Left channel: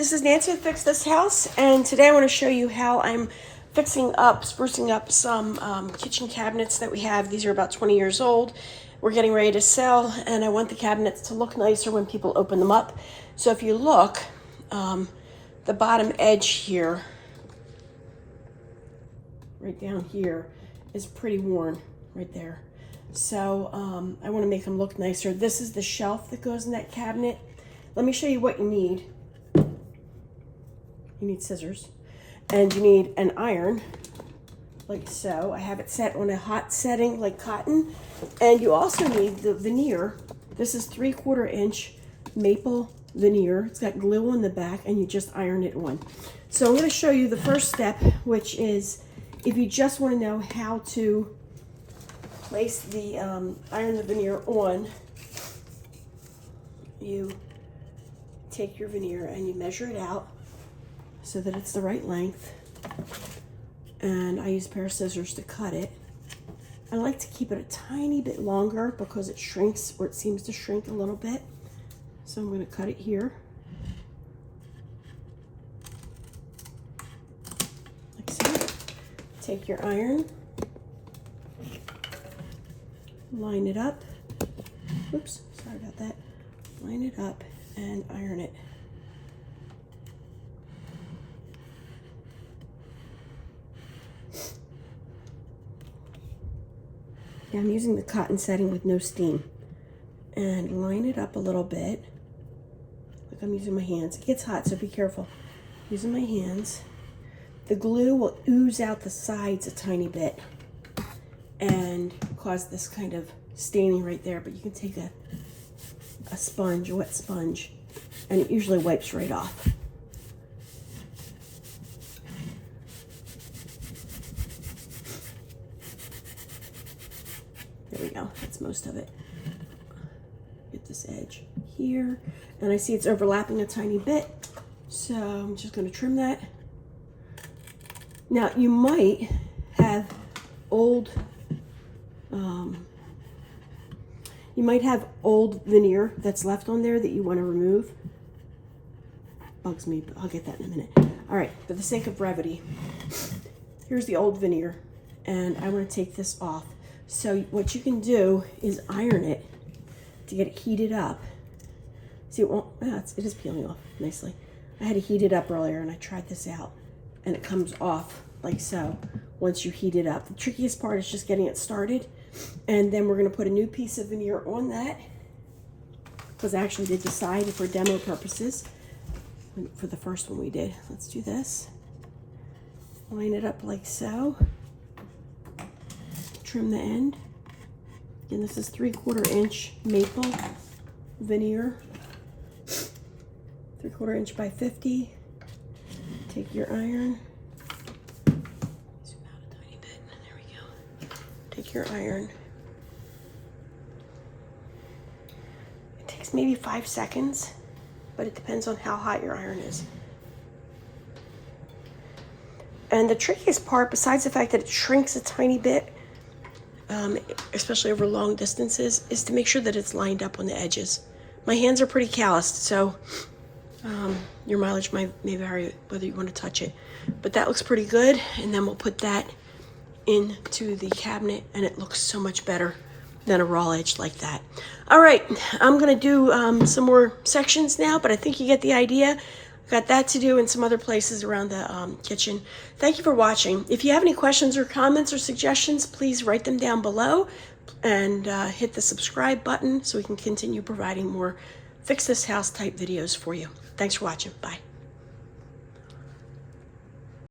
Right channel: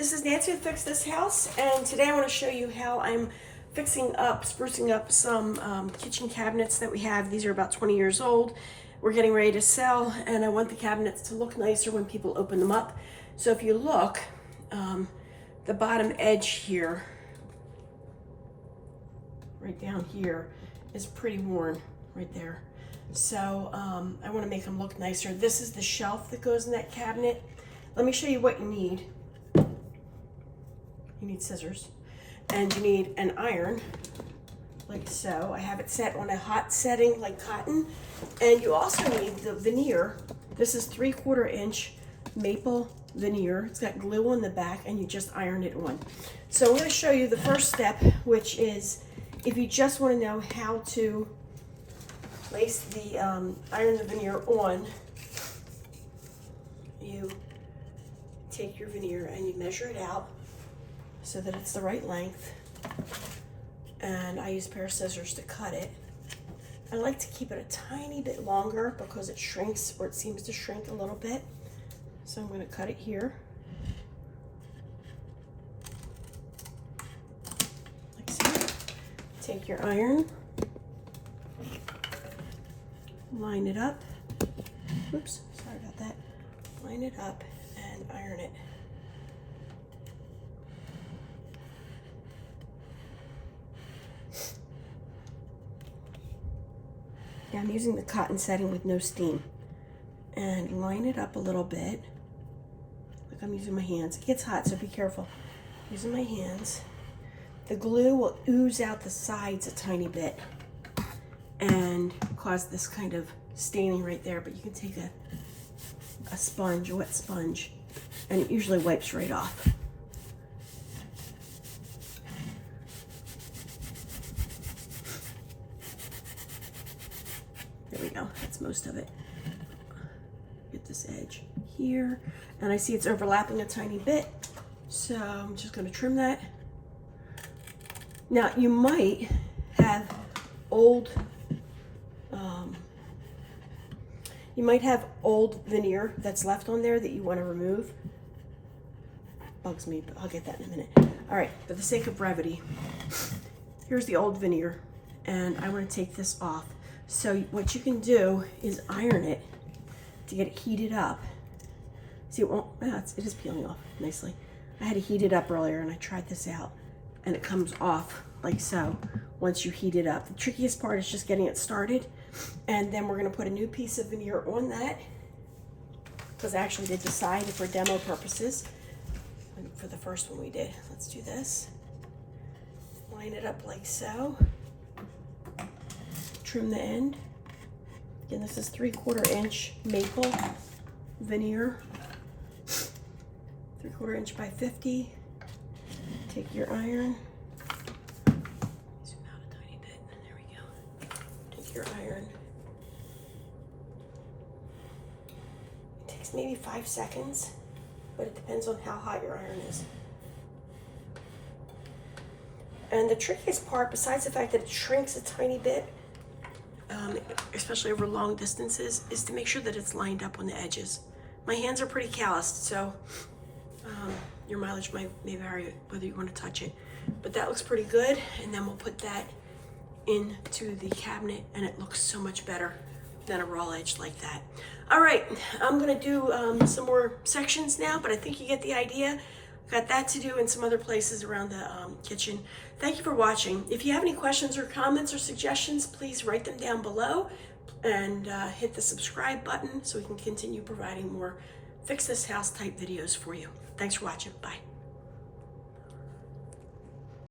This is Nancy with Fix This House, and today I want to show you how I'm sprucing up some kitchen cabinets that we have. These are about 20 years old. We're getting ready to sell, and I want the cabinets to look nicer when people open them up. So if you look, the bottom edge here, right down here, is pretty worn right there. So I want to make them look nicer. This is the shelf that goes in that cabinet. Let me show you what you need. You need scissors, and you need an iron, like so. I have it set on a hot setting, like cotton. And you also need the veneer. This is 3/4 inch maple veneer. It's got glue on the back, and you just iron it on. So I'm going to show you the first step, which is if you just want to know how to place the iron the veneer on, you take your veneer and you measure it out so that it's the right length, and I use a pair of scissors to cut it. I like to keep it a tiny bit longer because it shrinks, or it seems to shrink a little bit. So I'm going to cut it here, like so. Take your iron, line it up, oops, sorry about that, line it up and iron it. Now I'm using the cotton setting with no steam, and line it up a little bit. Like I'm using my hands. It gets hot, so be careful. Using my hands. The glue will ooze out the sides a tiny bit and cause this kind of staining right there, but you can take a sponge, a wet sponge, and it usually wipes right off. There we go, that's most of it. Get this edge here, and I see it's overlapping a tiny bit, so I'm just going to trim that. Now you might have old veneer that's left on there that you want to remove. Bugs me, but I'll get that in a minute. All right, for the sake of brevity, here's the old veneer, and I want to take this off. So what you can do is iron it to get it heated up. See, it won't, it is peeling off nicely. I had to heat it up earlier, and I tried this out, and it comes off like so once you heat it up. The trickiest part is just getting it started, and then we're going to put a new piece of veneer on that, because I actually did decide for demo purposes for the first one we did. Let's do this. Line it up like so. Trim the end. And this is 3/4 inch maple veneer, 3/4 inch by 50. Take your iron. Zoom out a tiny bit. There we go. Take your iron. It takes maybe 5 seconds, but it depends on how hot your iron is. And the trickiest part, besides the fact that it shrinks a tiny bit, especially over long distances, is to make sure that it's lined up on the edges. My hands are pretty calloused, so your mileage may vary whether you want to touch it. But that looks pretty good, and then we'll put that into the cabinet, and it looks so much better than a raw edge like that. All right, I'm going to do some more sections now, but I think you get the idea. Got that to do in some other places around the kitchen. Thank you for watching. If you have any questions or comments or suggestions, please write them down below, and hit the subscribe button so we can continue providing more Fix This House type videos for you. Thanks for watching. Bye.